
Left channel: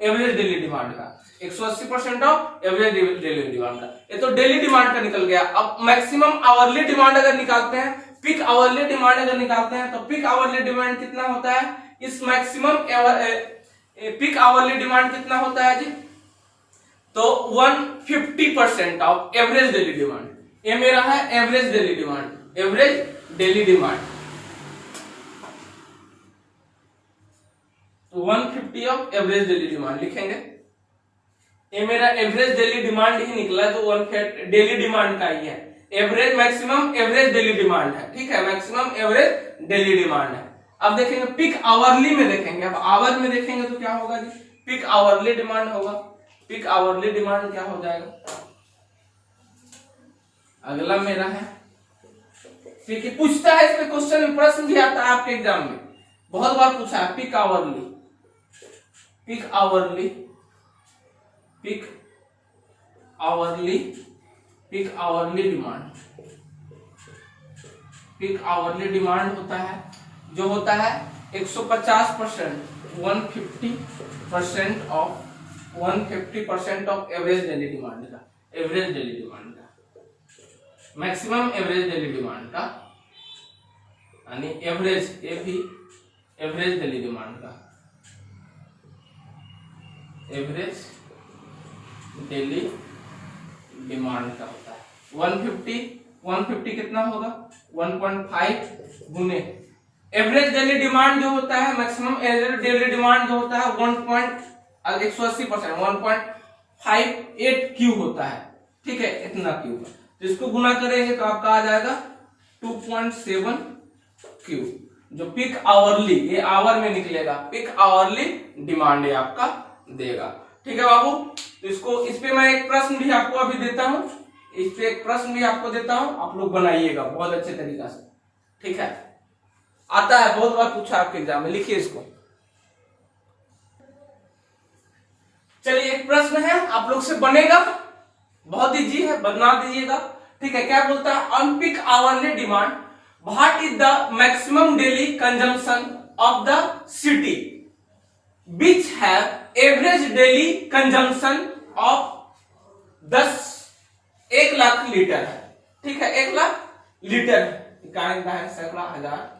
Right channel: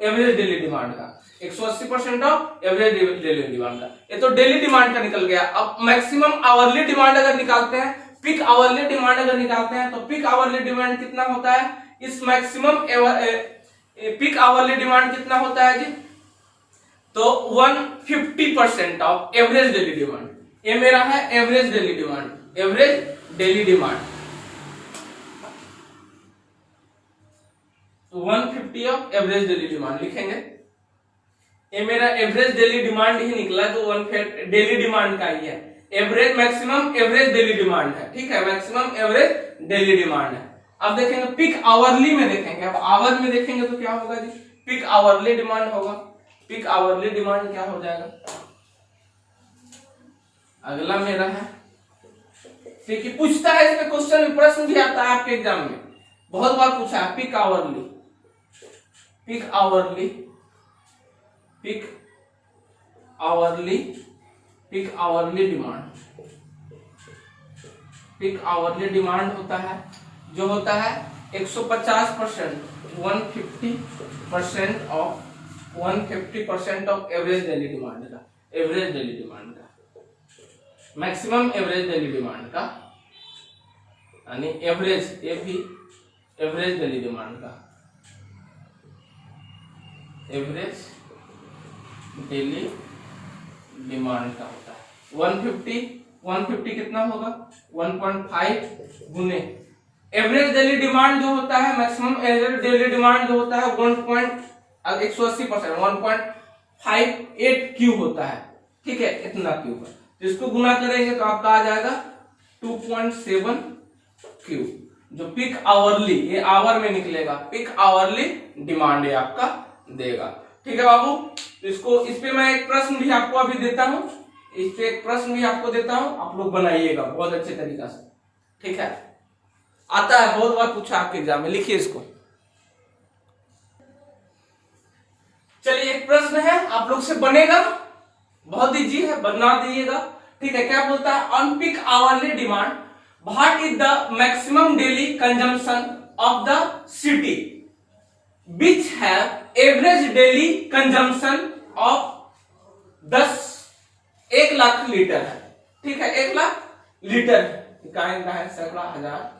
एवरेज डेली डिमांड का, 180% ऑफ एवरेज डेली डिमांड का। ये तो डेली डिमांड का निकल गया। अब मैक्सिमम आवरली डिमांड अगर निकालते हैं, पीक आवरली डिमांड अगर निकालते हैं, तो पीक आवरली डिमांड कितना होता है इस मैक्सिमम पीक आवरली डिमांड कितना होता है जी, तो 150% ऑफ एवरेज डेली डिमांड। ये मेरा है average daily demand, average daily demand. तो 150 ऑफ एवरेज डेली डिमांड लिखेंगे। ये मेरा एवरेज डेली डिमांड ही निकला, जो 1 डेली डिमांड का ही है। Average maximum average daily demand है, ठीक है, मैक्सिमम एवरेज डेली डिमांड है। अब देखेंगे पीक आवरली में देखेंगे। अब आवर में देखेंगे तो क्या होगा जी, पीक आवरली डिमांड होगा। पीक आवरली डिमांड क्या हो जाएगा, अगला मेरा है पीक। पूछता है इसमें क्वेश्चन में, प्रश्न भी आता है आपके एग्जाम में, बहुत बार पूछा है। Peak hourly, peak hourly, peak hourly, peak hourly demand. Peak hourly demand होता है जो होता है 150%, 150% ऑफ एवरेज डेली डिमांड का, एवरेज डेली डिमांड का, मैक्सिमम एवरेज डेली डिमांड का, यानी एवरेज, ये भी एवरेज डेली डिमांड का, एवरेज डेली डिमांड का होता है 150 कितना होगा 1.5 गुने एवरेज डेली डिमांड जो होता है, मैक्सिमम एवरेज डेली डिमांड जो होता है 180%, 1.58 क्यू होता है, ठीक है, इतना क्यू है। तो इसको गुना करेंगे तो आपका आ जाएगा 2.7 क्यू, जो पीक आवरली, ये आवर में निकलेगा, पीक आवरली डिमांड ये आपका देगा, ठीक है बाबू। तो इसको, इस पे मैं एक प्रश्न भी आपको अभी देता हूं, इस पे एक प्रश्न भी आपको देता हूं, आप लोग बनाइएगा बहुत अच्छे तरीका से, ठीक है, आता है, बहुत बार पूछा आपके एग्जाम में, लिखिए इसको। चलिए एक प्रश्न है आप लोग से बनेगा, बहुत इजी है, बना दीजिएगा, ठीक है। क्या बोलता है, on peak hourly demand what is the maximum daily consumption of the city which have average daily consumption of 1 lakh litre है, ठीक है, 1 लाख लीटर है, सैकड़ा हजार,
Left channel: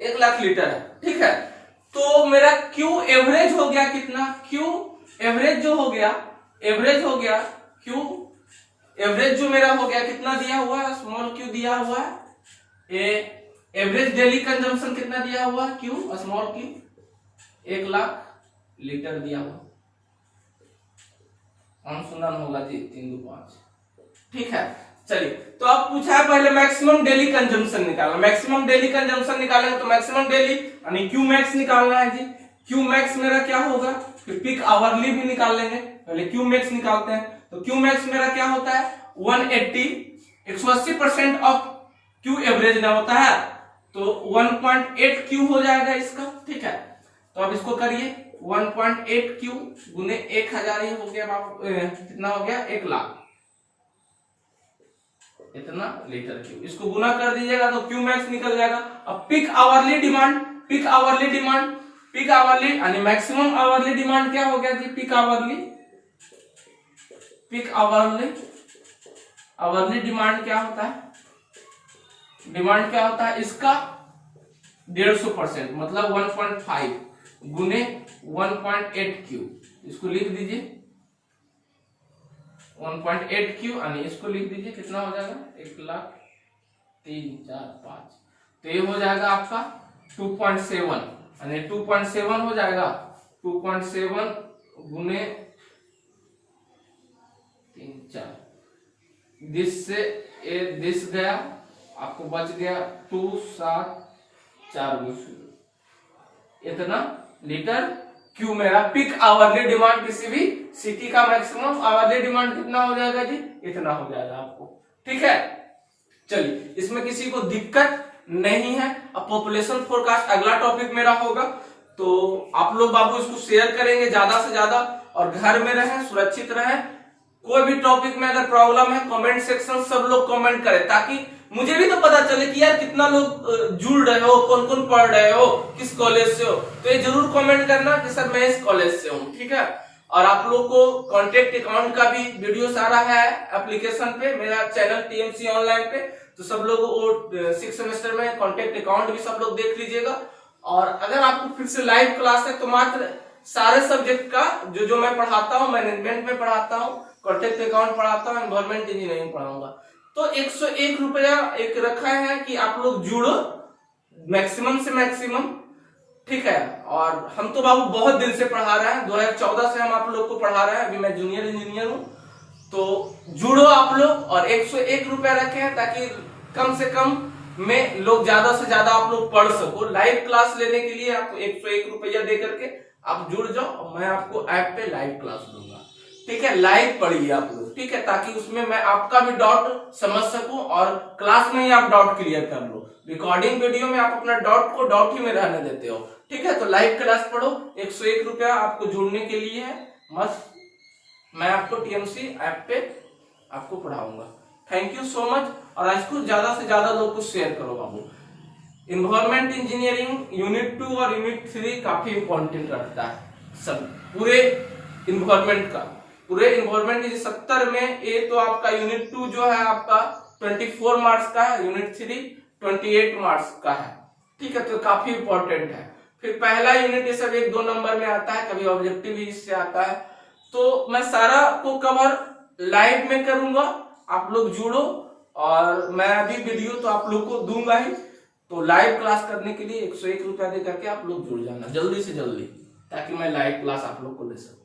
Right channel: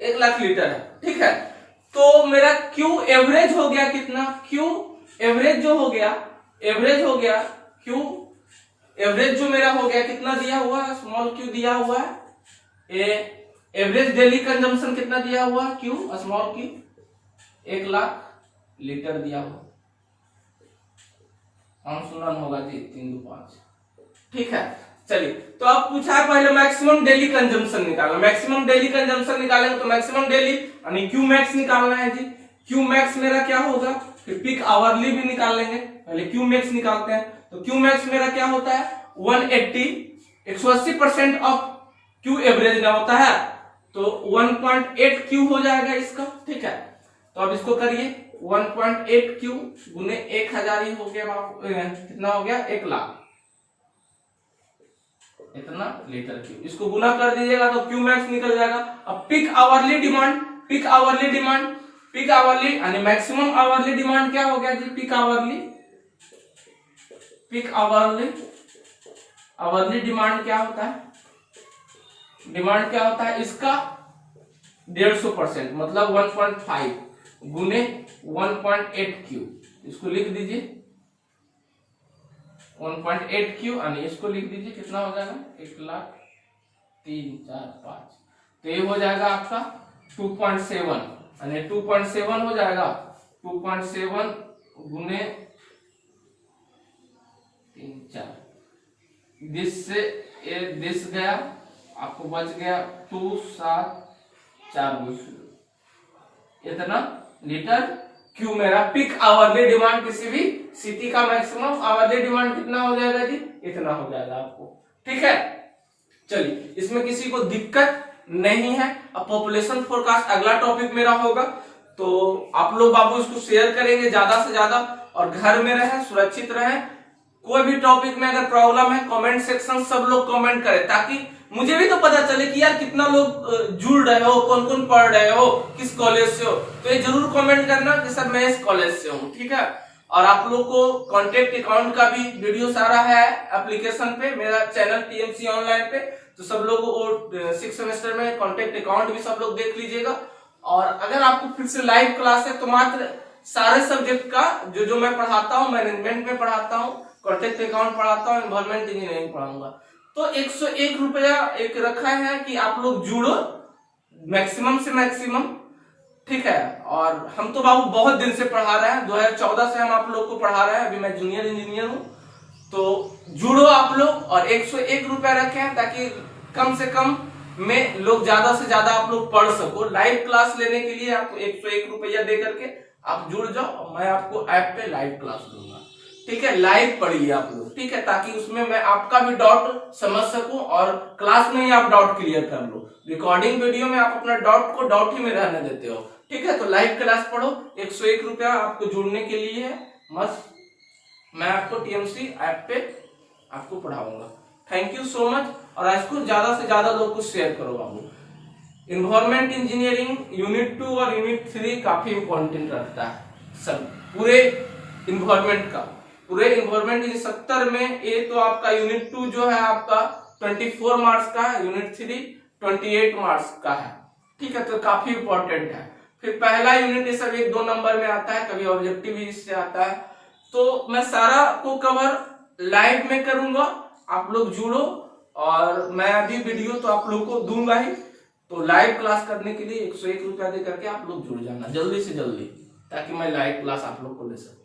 1 लाख लीटर है, ठीक है। तो मेरा क्यू एवरेज हो गया कितना, क्यू एवरेज जो हो गया, एवरेज हो गया क्यू एवरेज जो मेरा हो गया कितना दिया हुआ है, स्मॉल क्यू दिया हुआ है, एवरेज डेली कंजम्पशन कितना दिया हुआ है, Q small Q 1 lakh litre दिया हुआ, हम सुनन होगा जी 3 2 5, ठीक है। चलिए, तो आप पूछा है पहले मैक्सिमम डेली कंजम्पशन निकालना, मैक्सिमम डेली कंजम्पशन निकालेंगे तो मैक्सिमम डेली यानी क्यू मैक्स निकालना है जी। क्यू मैक्स मेरा क्या होगा, फिर पीक आवरली भी निकाल लेंगे, पहले क्यू मैक्स निकालते हैं। तो क्यू मैक्स मेरा क्या होता है 180% ऑफ क्यू एवरेज ना होता है, तो 1.8 क्यू हो जाएगा इसका, ठीक है। तो अब इसको करिए 1.8 क्यू गुने 1000 ही हो गया, कितना हो गया 1 लाख, इतना लीटर क्यू, इसको गुना कर दीजिएगा तो क्यू मैक्स निकल जाएगा। अब peak hourly demand, peak hourly demand, peak hourly यानी मैक्सिमम आवरली डिमांड क्या हो गया जी, peak hourly, peak hourly, hourly demand क्या होता है, डिमांड क्या होता है इसका 150%, मतलब 1.5 गुने 1.8 क्यू, इसको लिख दीजिए 1.8 क्यू, यानी इसको लिख दीजिए कितना हो जाएगा 1 लाख 3 4 5, तो ये हो जाएगा आपका 2.7, यानी 2.7 हो जाएगा, 2.7 गुने 3 4, दिस से ये दिस गया, आपको बच गया 2 7 4 इतना लीटर क्यू मेरा पीक आवरली डिमांड, किसी भी सिटी का मैक्सिमम आवरली डिमांड कितना हो जाएगा जी, इतना हो जाएगा आपको, ठीक है। चलिए, इसमें किसी को दिक्कत नहीं है। अब पॉपुलेशन फोरकास्ट अगला टॉपिक मेरा होगा, तो आप लोग बाबू इसको शेयर करेंगे ज्यादा से ज्यादा, और घर में रहें, सुरक्षित रहें। कोई भी टॉपिक में अगर प्रॉब्लम है कमेंट सेक्शन सब लोग कमेंट करें, ताकि मुझे भी तो पता चले कि यार कितना लोग जुड़ रहे हो, कौन कौन पढ़ रहे हो, किस कॉलेज से हो। तो ये जरूर कमेंट करना कि सर मैं इस कॉलेज से हूँ, ठीक है। और आप लोग को कॉन्टेक्ट अकाउंट का भी वीडियो सारा है एप्लीकेशन पे, मेरा चैनल टीएमसी ऑनलाइन पे। तो सब लोग वो 6 सेमेस्टर में कॉन्टेक्ट अकाउंट भी सब लोग देख लीजिएगा। और अगर आपको फिर से लाइव क्लास है तो मात्र सारे सब्जेक्ट का जो मैं पढ़ाता हूँ, मैनेजमेंट में पढ़ाता हूँ, कॉन्टेक्ट अकाउंट पढ़ाता हूँ, एनवायरमेंट इंजीनियरिंग पढ़ाऊंगा। तो 101 रुपया एक रखा है कि आप लोग जुड़ो मैक्सिमम से मैक्सिमम, ठीक है। और हम तो बाबू बहुत दिन से पढ़ा रहे हैं, 2014 से हम आप लोग को पढ़ा रहे हैं। अभी मैं जूनियर इंजीनियर हूँ। तो जुड़ो आप लोग और 101 रुपया रखें, ताकि कम से कम में लोग ज्यादा से ज्यादा आप लोग पढ़ सको। लाइव क्लास लेने के लिए आपको 101 रुपया दे करके आप जुड़ जाओ और मैं आपको ऐप पे लाइव क्लास दूंगा, ठीक है। लाइव पढ़िए आप लोग, ठीक है, ताकि उसमें मैं आपका भी डाउट समझ सकूं और क्लास में ही आप डाउट क्लियर कर लो। रिकॉर्डिंग वीडियो में आप अपना डाउट को डाउट ही में रहने देते हो, ठीक है। तो लाइव क्लास पढ़ो, 101 रुपया आपको जुड़ने के लिए है। मस्त मैं आपको टीएमसी ऐप पे आपको पढ़ाऊंगा। Thank you so much. और आज को ज्यादा से ज्यादा लोगों को शेयर करो बाबू। इन्वायरमेंट इंजीनियरिंग यूनिट 2 और यूनिट 3 काफी इंपॉर्टेंट रखता है सब पूरे इन्वायरमेंट का। पूरे इन्वायरमेंट 70 में ये तो आपका यूनिट 2 जो है आपका 24 मार्क्स का है, यूनिट 3 28 मार्क्स का है, ठीक है। तो काफी इंपॉर्टेंट है। फिर पहला यूनिट ये सब 1-2 नंबर में आता है, कभी ऑब्जेक्टिव भी इससे आता है। तो मैं सारा को कवर लाइव में करूंगा, आप लोग जुड़ो। और मैं अभी वीडियो तो आप लोग को दूंगा ही। तो लाइव क्लास करने के लिए 101 रुपया दे करके आप लोग जुड़ जाना जल्दी से जल्दी, ताकि मैं लाइव क्लास आप लोग को दे सकूं।